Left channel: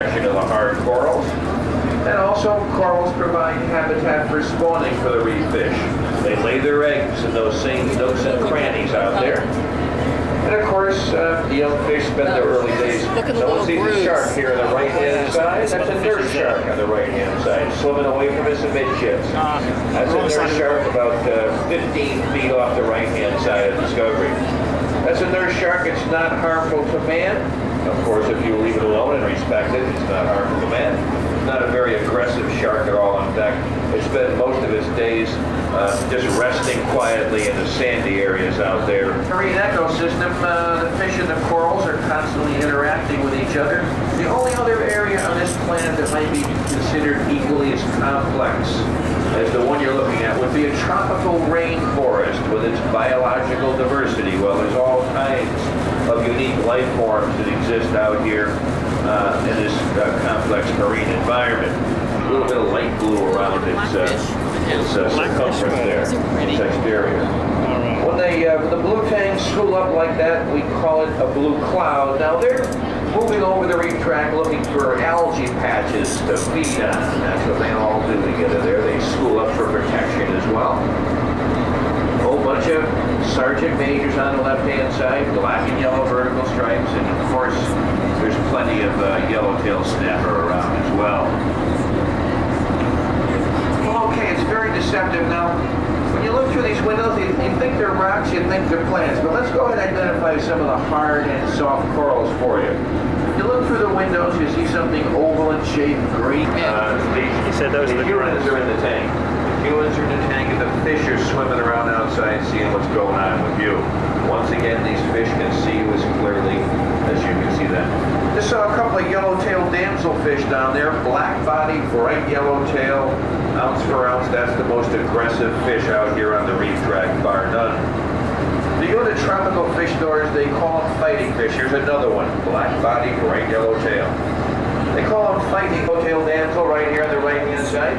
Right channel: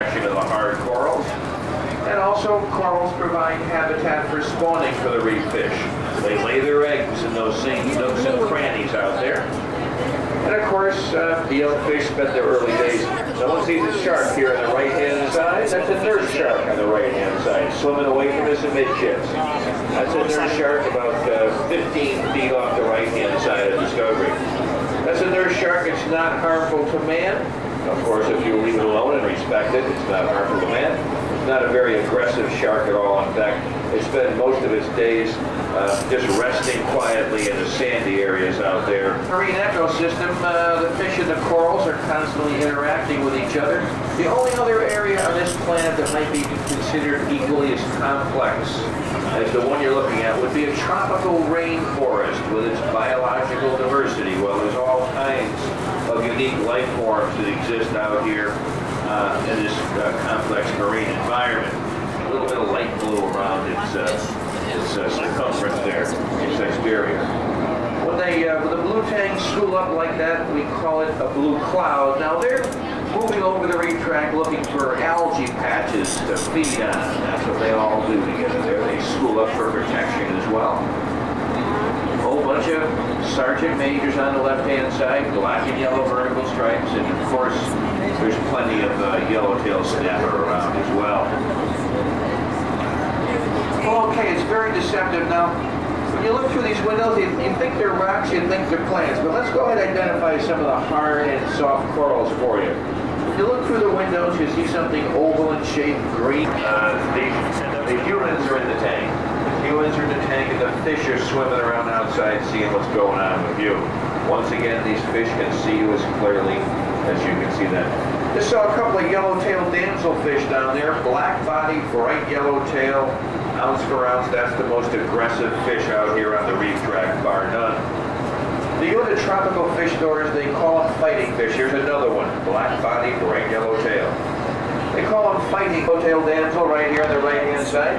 To the hard corals. And also, corals provide habitat for spawning for the reef fish. They lay their eggs in those same nooks and crannies out there. And of course, the young fish spend their early days. Someone sees a shark here on the right-hand side. That's a nurse shark on the right-hand side, swimming away from us amidships. That's a nurse shark about 15 feet off the right-hand side of Discovery. That's a nurse shark. It's not harmful to man. Of course, if you leave it alone and respect it, it's not harmful to man. It's not a very aggressive shark at all. In fact, it spends most of its days just resting quietly in the sandy areas out there. Marine ecosystem, the fish and the corals are constantly interacting with each other. The only other area on this planet that might be considered equally as complex as the one you're looking at would be a tropical rainforest with its biological diversity. Well, there's all kinds of unique life forms that exist out here in this complex marine environment. A little bit of light blue around its circumference there, its exterior. When the blue tangs school up like that, we call it a blue cloud. Now they're moving over the reef track looking for algae patches to feed on. That's what they all do together there. They school up for protection as well. A whole bunch of sergeant majors on the left-hand side, black and yellow vertical stripes, and of course there's plenty of yellowtail snapper around as well. Well, okay, it's very deceptive. Now, when you look through these windows, you think they're rocks, you think they're plants, but let's go ahead and identify some of the hard and soft corals for you. When you look through the windows, you see something oval in shape, green. The humans are in the tank. The humans are in the tank, and the fish are swimming around outside seeing what's going on with you. Once again, these fish can see you as clearly as you can see them. Just saw a couple of yellow-tailed damselfish down there, black body, bright yellow tail, ounce for ounce. That's the most aggressive fish out here on the reef track, bar none. You go to tropical fish stores, they call them fighting fish. Here's another one, black body, bright yellow tail. They call them fighting yellow-tailed damsel right here on the right-hand side.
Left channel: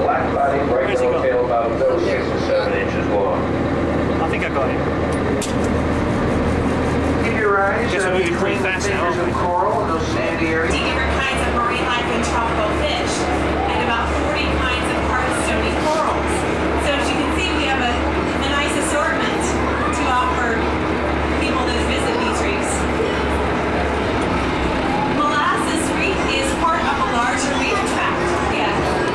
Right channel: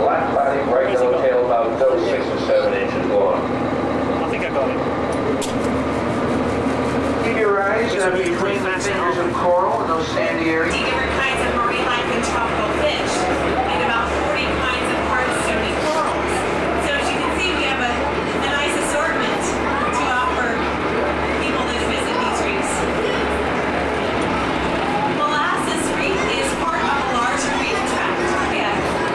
Black body, bright yellow tail, about 6 to 7 inches long. I think I got it. Keep your eyes between the fingers of coral and those sandy areas. Different kinds of marine life and tropical fish, and about 40 kinds of hard stony corals. So as you can see, we have a nice assortment to offer people that visit these reefs. Molasses Reef is part of a larger reef tract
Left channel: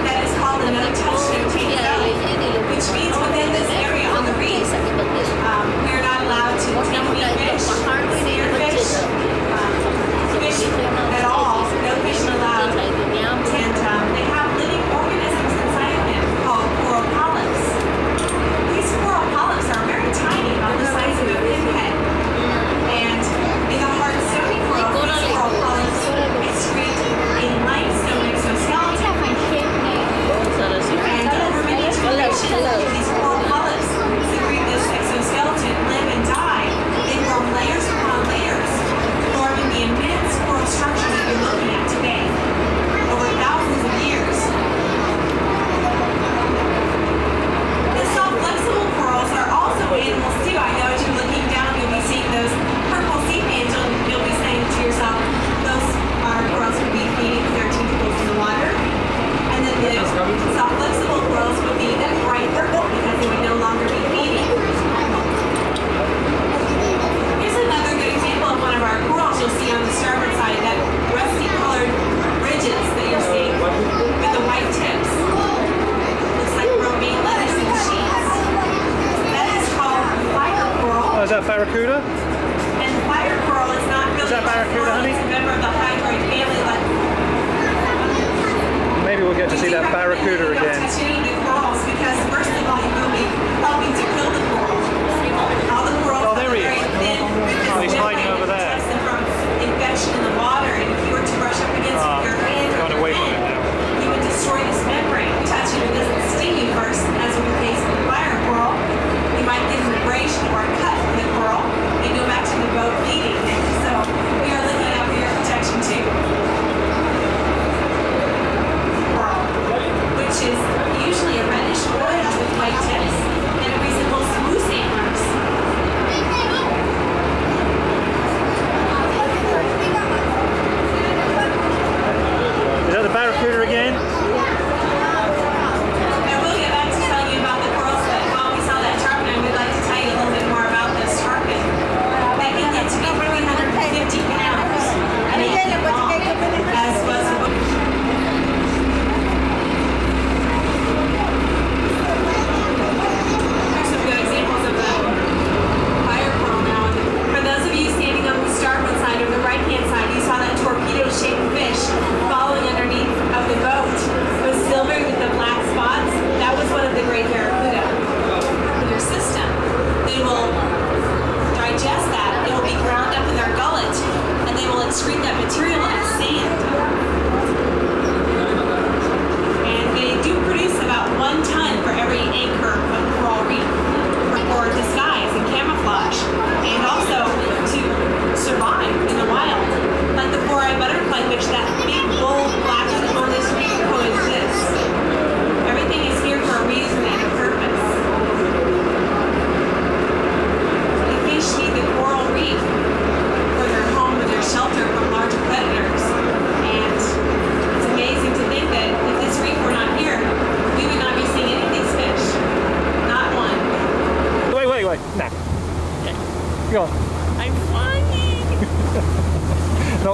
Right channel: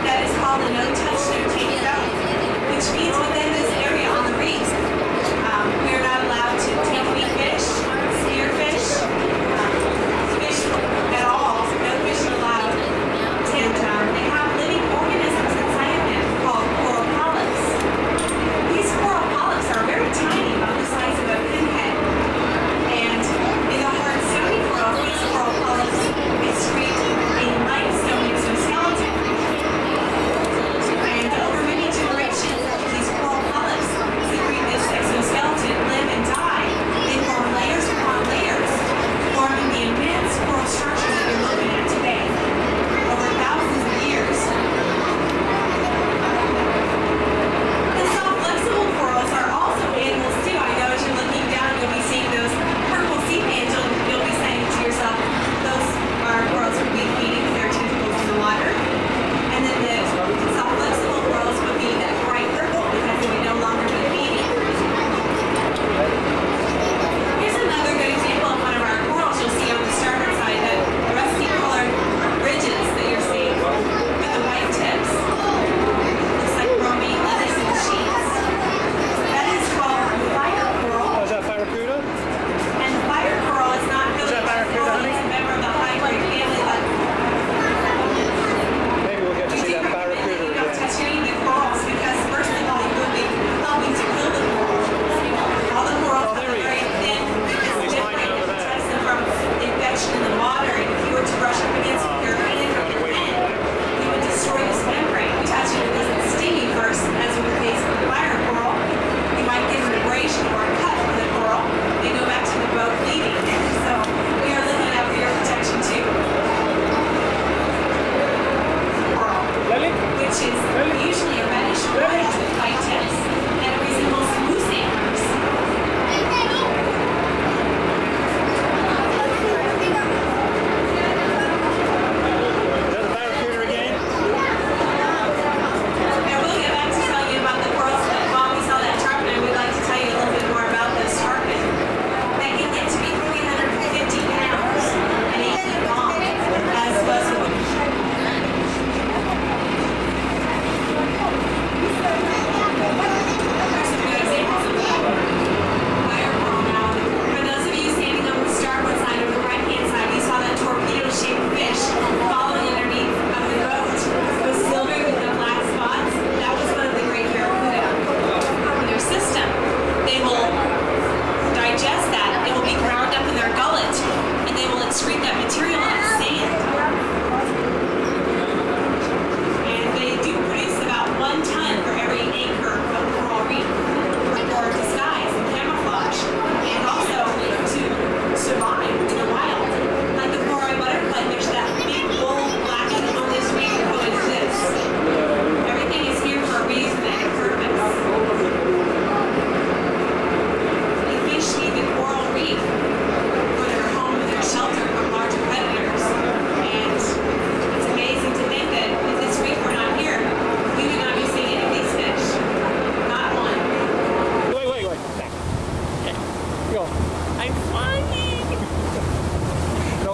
that is called the no-touch, no-take zone, which means within this area on the reef, we are not allowed to take any fish, spearfish, fish at all that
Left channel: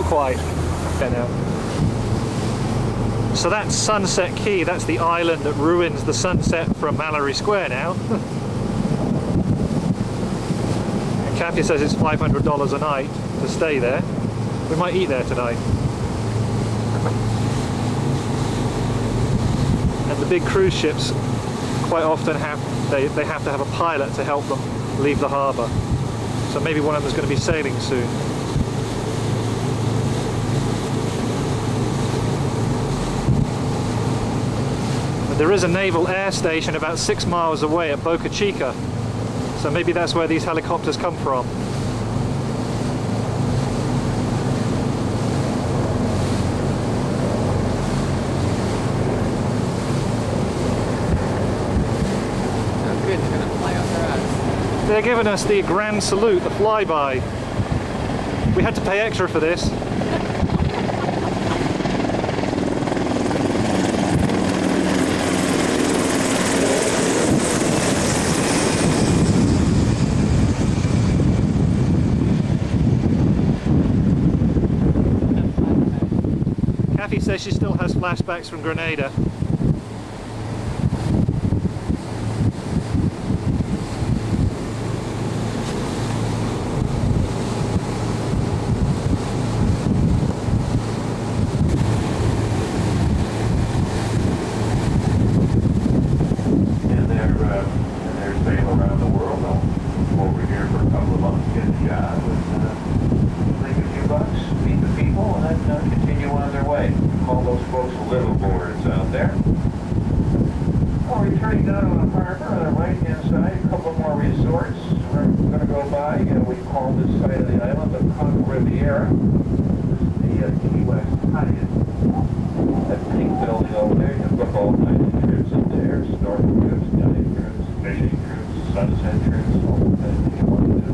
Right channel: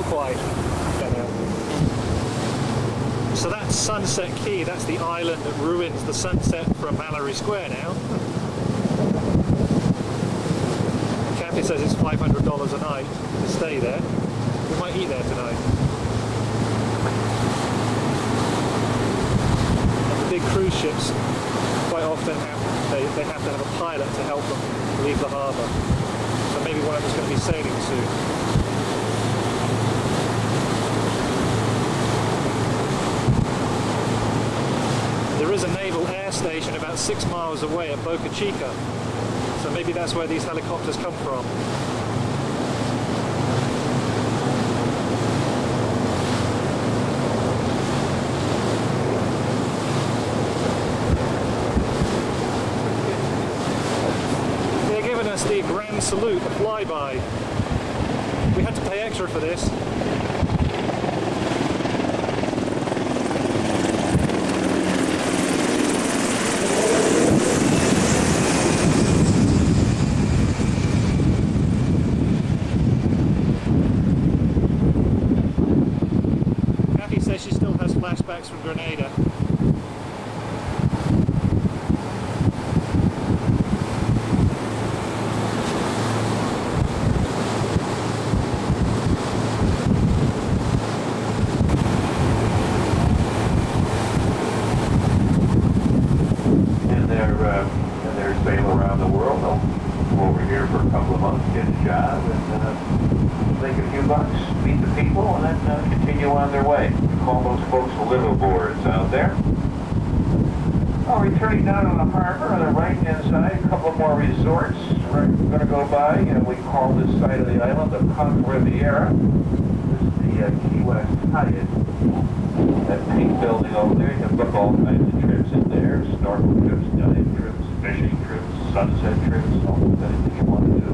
quite. Okay, now. So that's Sunset Key, that's the island that ruins the sunset from Mallory Square now. And Kathy says it's $500 a night to stay there. We might eat there tonight. And the big cruise ships quite often they have to have a pilot to help them leave the harbour. So maybe one of them is going to be sailing soon. There is a naval air station about 6 miles away at Boca Chica, so maybe that's where these helicopters come from. They're giving us the grand salute, the flyby. We had to pay extra for this. Kathy says she still has flashbacks from Grenada. And they're sailing around the world. They'll come over here for a couple of months, get a job, and make a few bucks, meet the people, and then continue on their way. We call those folks liveaboards out there. Well, returning down on the harbor on the right-hand side, a couple more resorts we're going to go by. We call this side of the island the Conch Riviera. This is the Key West Hyatt. That pink building over there, you can book all kinds of trips in there. Snorkel trips, dive trips, fishing trips, sunset trips, all kinds you want to do.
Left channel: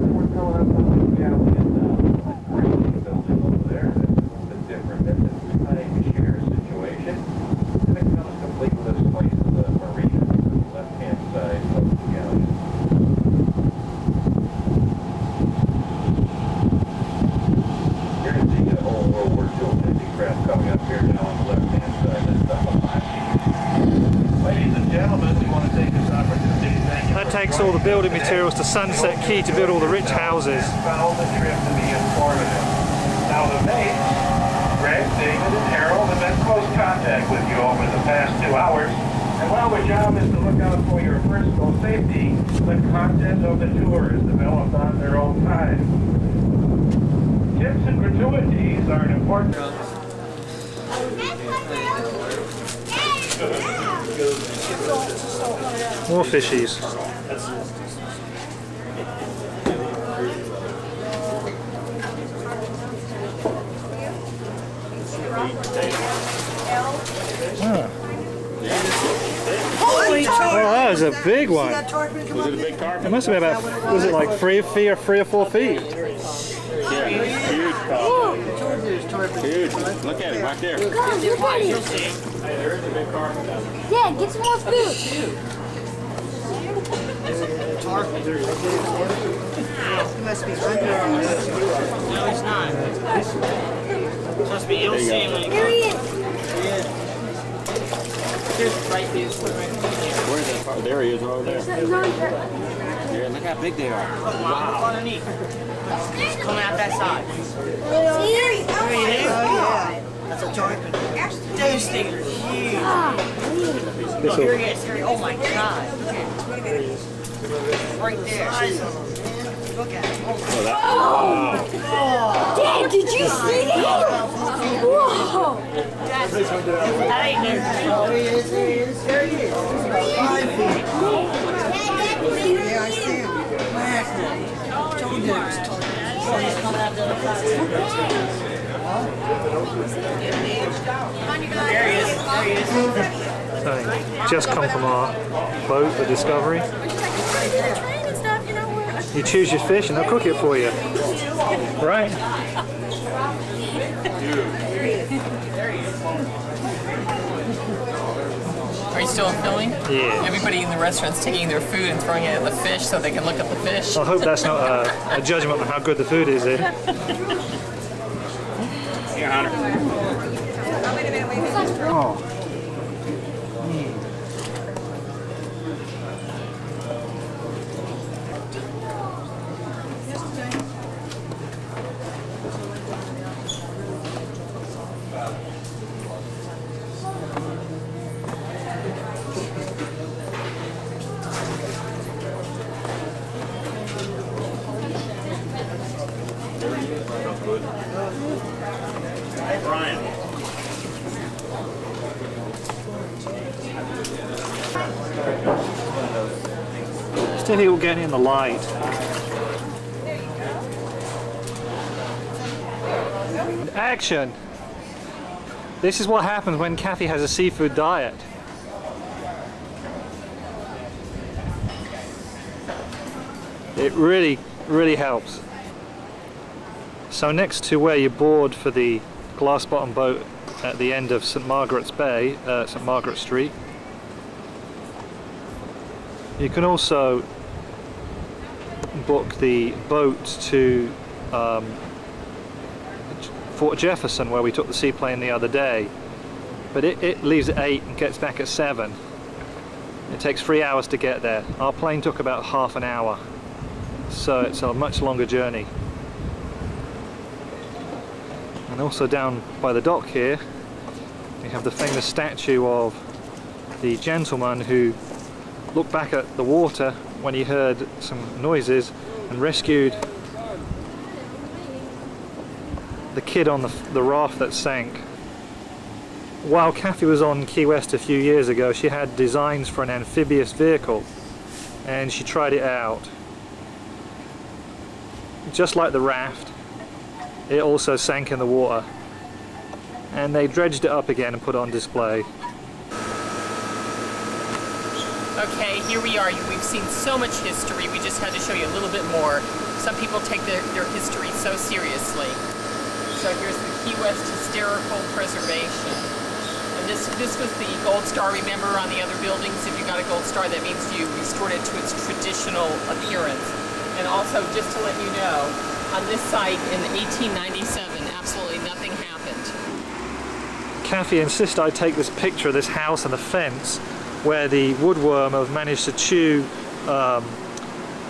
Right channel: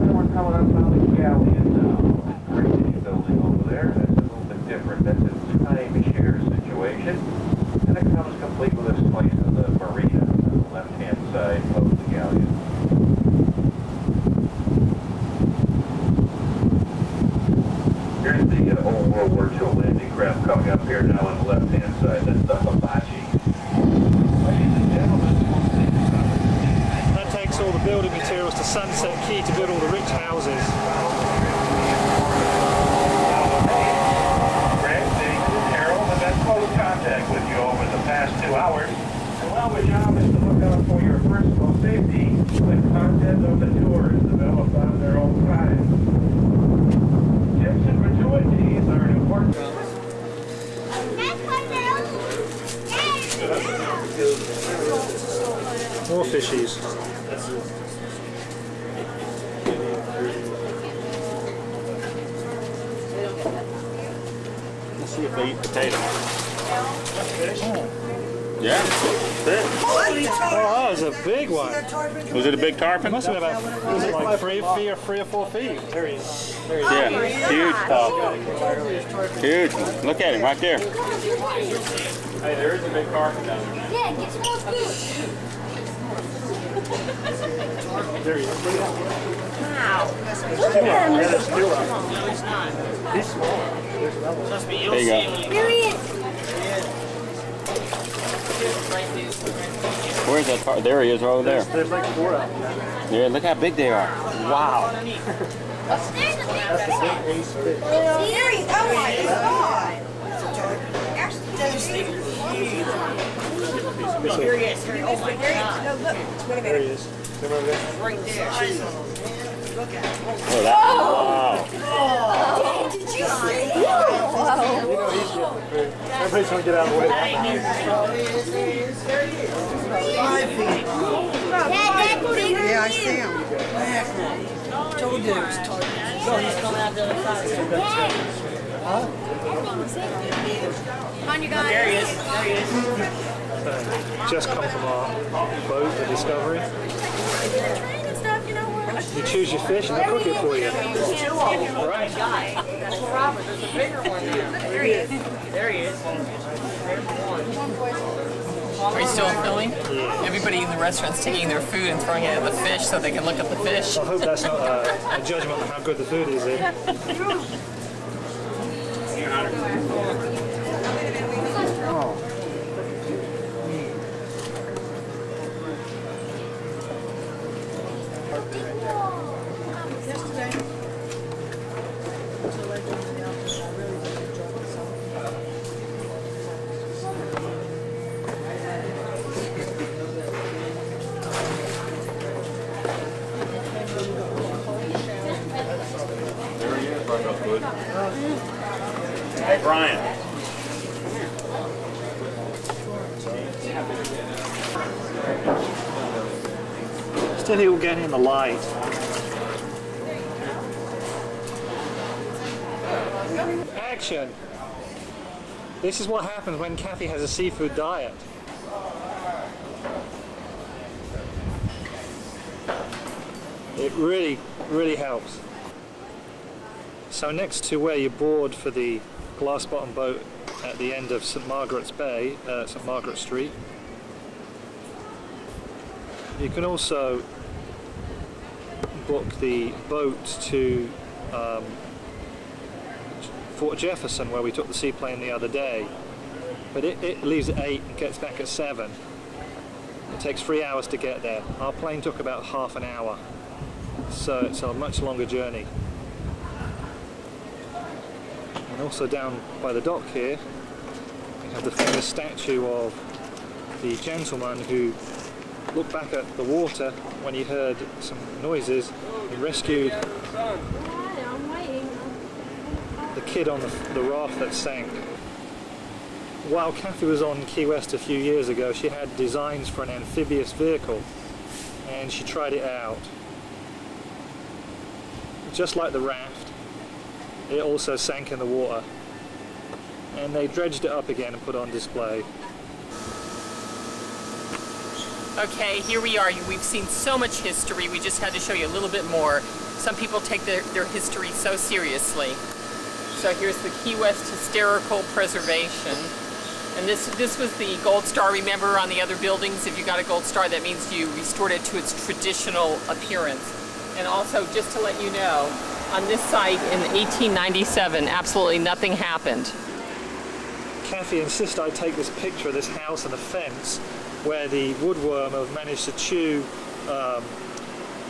And we're coming up on the Galleon now. That crazy building over there. That's a little bit different. That's a timeshare situation. And it comes complete with this place in the marina on the left-hand side of the Galleon. Here's the old World War II landing craft coming up here now on the left-hand side. That's the Hibachi. Ladies and gentlemen, we want to take this opportunity to thank you. That takes all the building materials to Sunset Key to build all the rich houses. Follow the trip to be informative. Now the maid, Greg, David, and Harold have been close contact with you over the past 2 hours. And while the job is to look out for your personal safety, the content of the tour is developed on their own time. Tips and gratuities are an important... More fishies. Yeah. Oh, that was a big one. Was it a big tarpon? It must have been about, was it like 3 or 4 feet? Yeah, huge tarpon. Huge. Look at him right there. Hey, there is a big tarpon down there. yeah, get some more food. No, he's not. Trust me, you'll see him when he Here he is. right there. Where's that tarpon? There he is, over there. Yeah, look how big they are. Wow. Underneath. Come out that side. See, there he is. Oh my God. Those things are huge. Look, here he is. Oh my God. Right there. Look at him. Oh, that, wow. Dad, did you see that? Whoa. That ain't there. There he is. There he is. 5 feet. Yeah, I see him. Told you it was tall. He's coming out the other side. There he is. There he is. Just come from our boat, the Discovery. You choose your fish and they'll cook it for you. Right? There he is. There he is. Are you still filming? Yeah. Everybody in the restaurant's taking their food and throwing it at the fish so they can look at the fish. I hope that's not a judgment on how good the food is here. here, Hunter. Oh. Hey, Brian. Still here, we're getting in the light. Action! This is what happens when Kathy has a seafood diet. It really, really helps. So next to where you board for the glass bottom boat at the end of St. Margaret's Bay, St. Margaret Street, you can also book the boat to Fort Jefferson, where we took the seaplane the other day, but it leaves at 8 and gets back at 7. It takes 3 hours to get there. Our plane took about half an hour, so it's a much longer journey. And also down by the dock here, we have the famous statue of the gentleman who looked back at the water when he heard some noises and rescued the kid on the raft that sank. While Kathy was on Key West a few years ago, she had designs for an amphibious vehicle and she tried it out. Just like the raft, it also sank in the water, and they dredged it up again and put it on display. Okay, here we are. We've seen so much history. We just had to show you a little bit more. Some people take their history so seriously. So here's the Key West Historical Preservation. And this was the Gold Star. Remember, on the other buildings, if you got a Gold Star, that means you restored it to its traditional appearance. And also, just to let you know, on this site in 1897, absolutely nothing happened. Kathy insisted I take this picture of this house and the fence where the woodworm have managed to chew the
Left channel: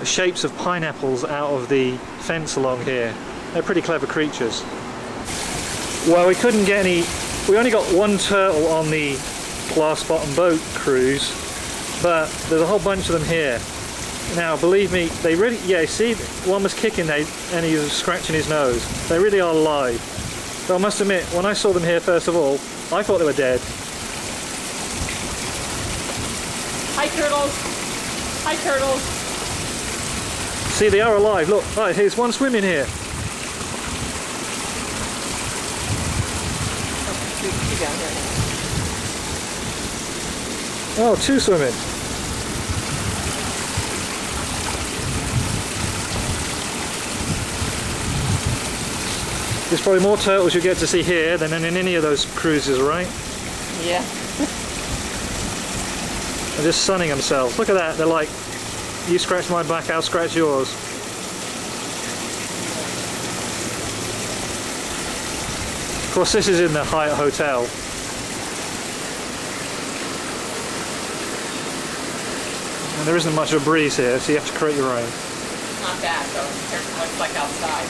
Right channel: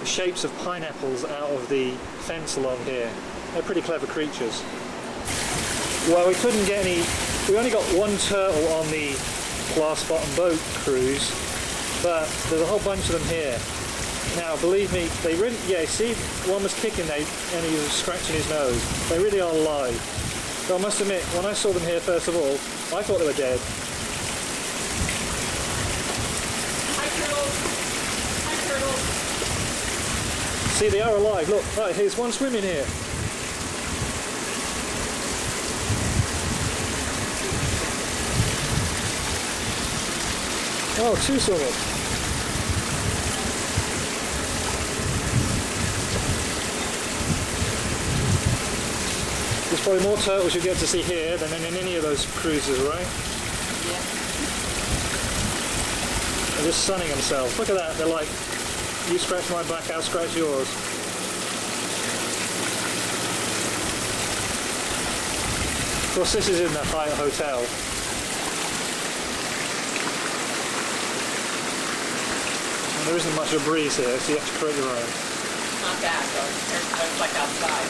shapes of pineapples out of the fence along here. They're pretty clever creatures. Well, we couldn't get any, we only got one turtle on the glass bottom boat cruise, but there's a whole bunch of them here. Now, believe me, they really, yeah, see, one was kicking and he was scratching his nose. They really are alive. So I must admit, when I saw them here first of all, I thought they were dead. Hi, turtles. Hi, turtles. See, they are alive. Look, right, here's one swimming here. Oh, two swimming. There's probably more turtles you get to see here than in any of those cruises, right? Yeah. They're just sunning themselves. Look at that. They're like, you scratch my back, I'll scratch yours. Of course, this is in the Hyatt Hotel. And there isn't much of a breeze here, so you have to create your own. Not bad, though, compared to what it's like outside.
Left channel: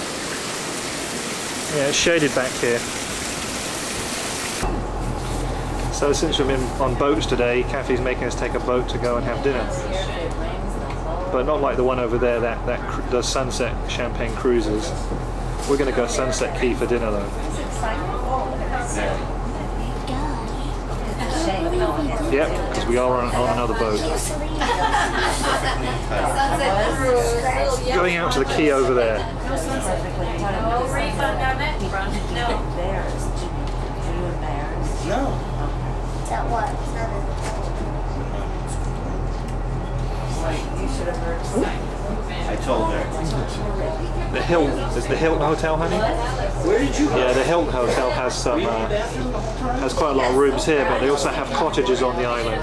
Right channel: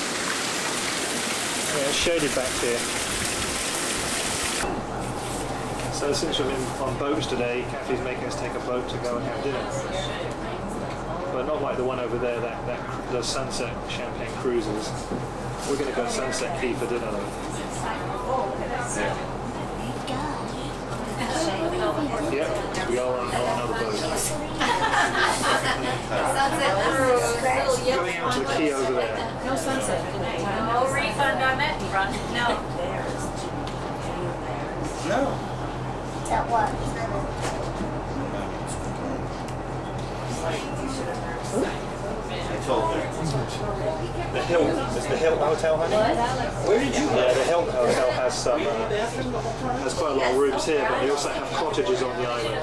Yeah, it's shaded back here. So since we've been on boats today, Kathy's making us take a boat to go and have dinner. But not like the one over there that does Sunset Champagne cruises. We're going to go Sunset Key for dinner though. Yep, because we are on another boat. Going out to the quay over there. No refund on it? No. No. That what? I told her. The Hilton, is the Hilton Hotel, honey? Where did you go? Yeah, the Hilton Hotel has some, has quite a lot of rooms here, but they also have cottages on the island.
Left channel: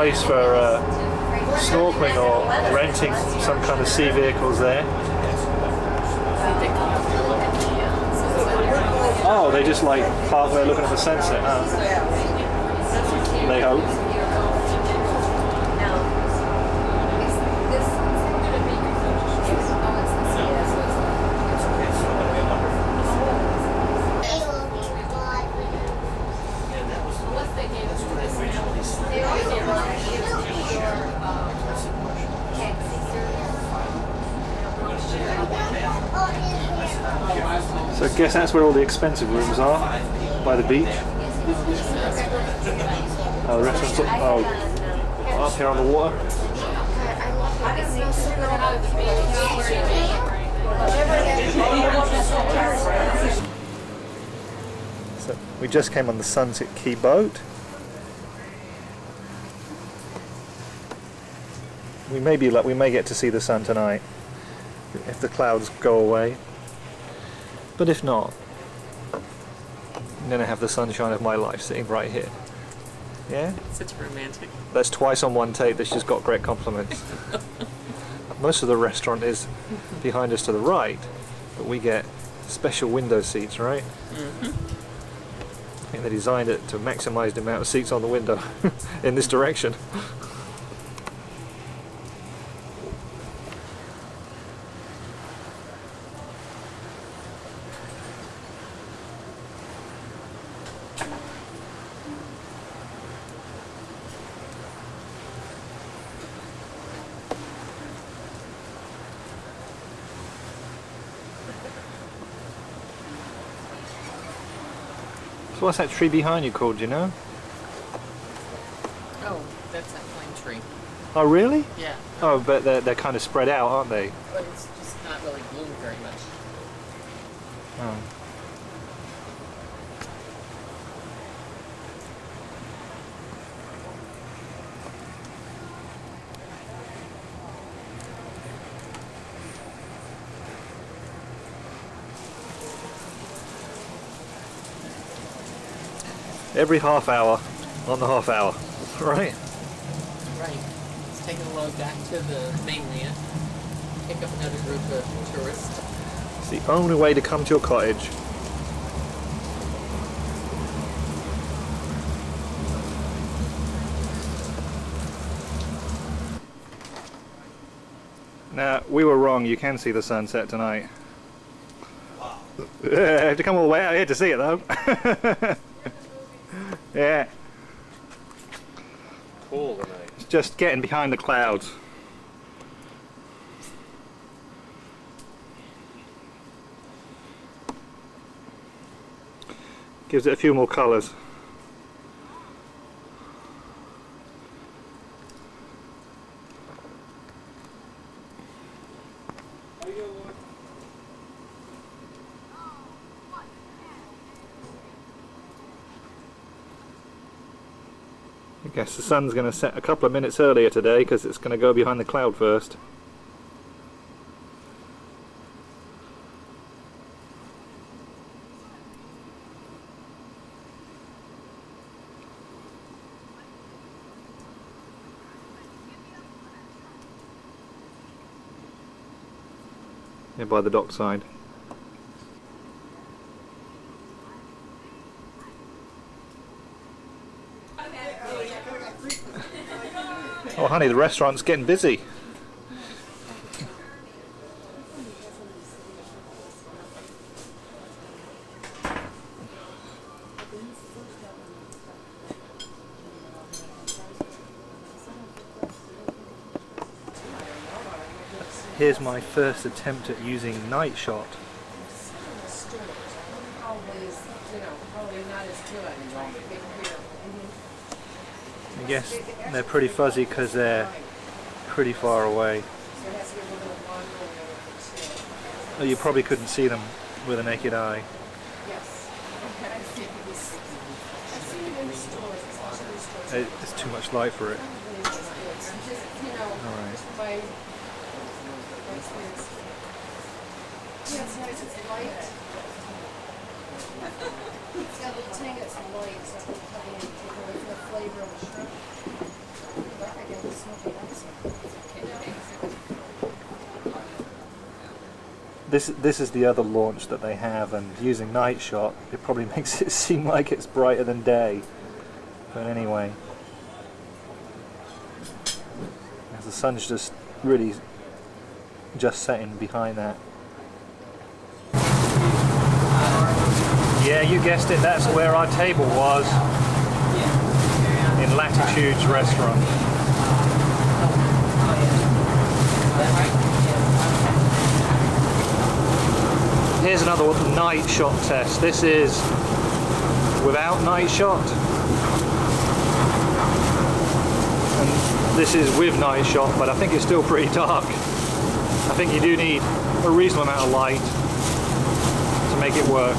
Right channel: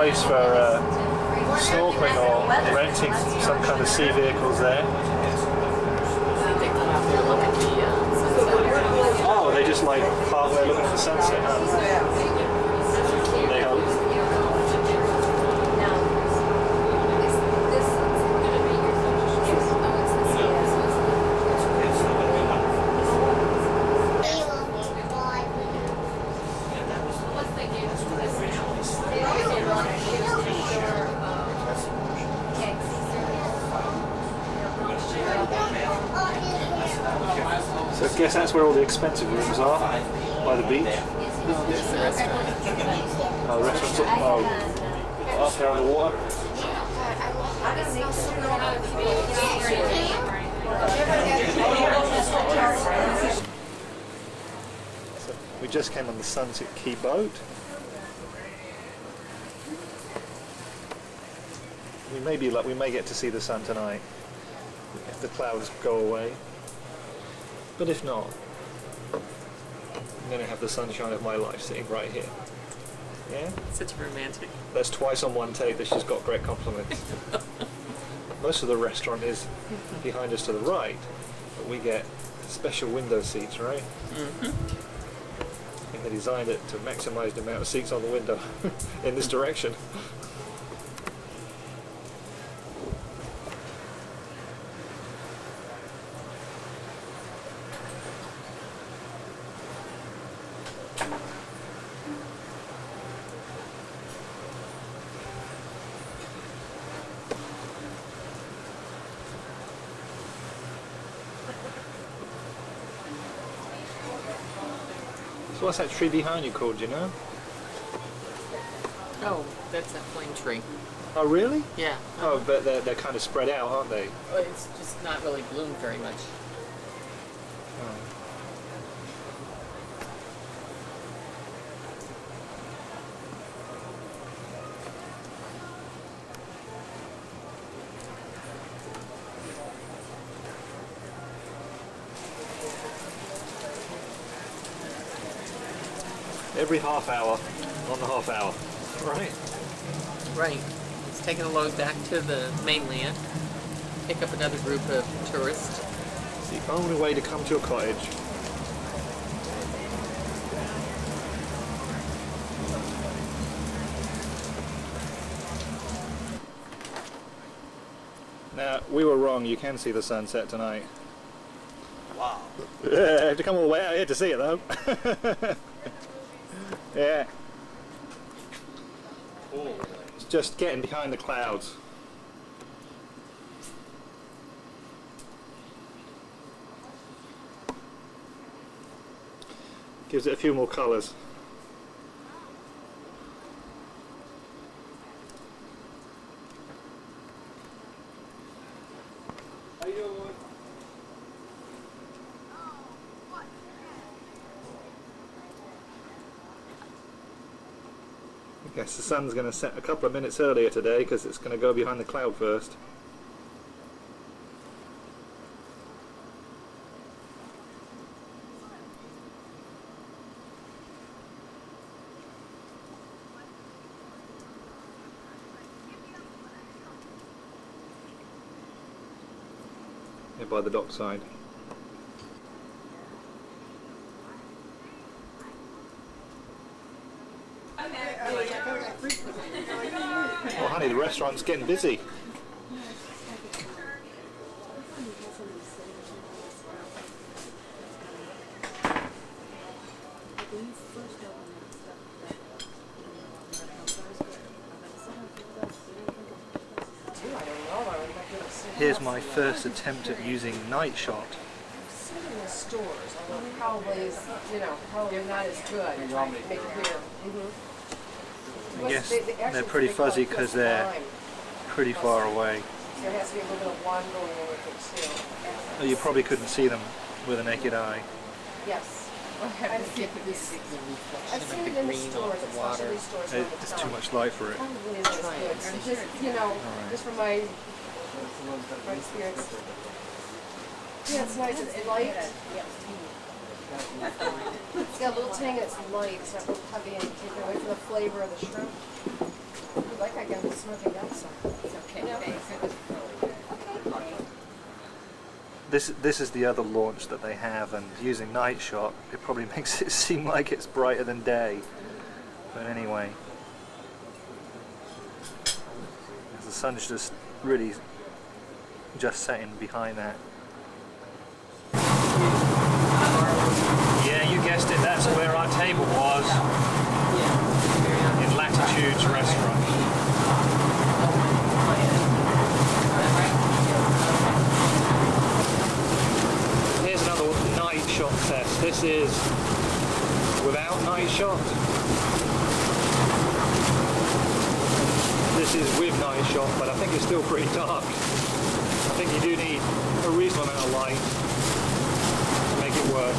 place for snorkeling or renting some kind of sea vehicles there. Oh, they just like park there looking at the sunset, huh? They hope. So I guess that's where all the expensive rooms are, by the beach. Oh, the restaurant's up here on the water. So we just came on the Rossiter Key boat. We may get to see the sun tonight if the clouds go away. But if not, I'm going to have the sunshine of my life sitting right here. Yeah? Such a romantic. That's twice on one take that she's got great compliments. Most of the restaurant is behind us to the right, but we get special window seats, right? Mm-hmm. I think they designed it to maximize the amount of seats on the window in this direction. So what's that tree behind you called, do you know? Oh, that's that pine tree. Oh, really? Yeah. Oh, but they're kind of spread out, aren't they? Well, it's just not really bloomed very much. Oh. Every half hour on the half hour, right? Right. Let's take it along back to the mainland. Pick up another group of tourists. It's the only way to come to a cottage. Now, we were wrong. You can see the sunset tonight. Wow. I have to come all the way out here to see it, though. Yeah. It's just getting behind the clouds. Gives it a few more colours. I guess the sun's going to set a couple of minutes earlier today because it's going to go behind the cloud first. Yeah, by the dockside. Oh honey, the restaurant's getting busy. Here's my first attempt at using night shot. Probably not as good. I guess they're pretty fuzzy because they're pretty far away. Oh, you probably couldn't see them with a naked eye. Yes. Okay. I've seen it in the stores, especially stores. It's too much light for it. Just, you know, just from my experience. Yeah, it's nice. It's light. It's got a little tang that's light, so it's heavy and take away from the flavor of the shrimp. This is the other launch that they have, and using night shot, it probably makes it seem like it's brighter than day. But anyway, the sun's just really just setting behind that. Yeah, you guessed it, that's where our table was in Latitude's restaurant. Here's another night shot test. This is without night shot. And this is with night shot, but I think it's still pretty dark. I think you do need a reasonable amount of light to make it work.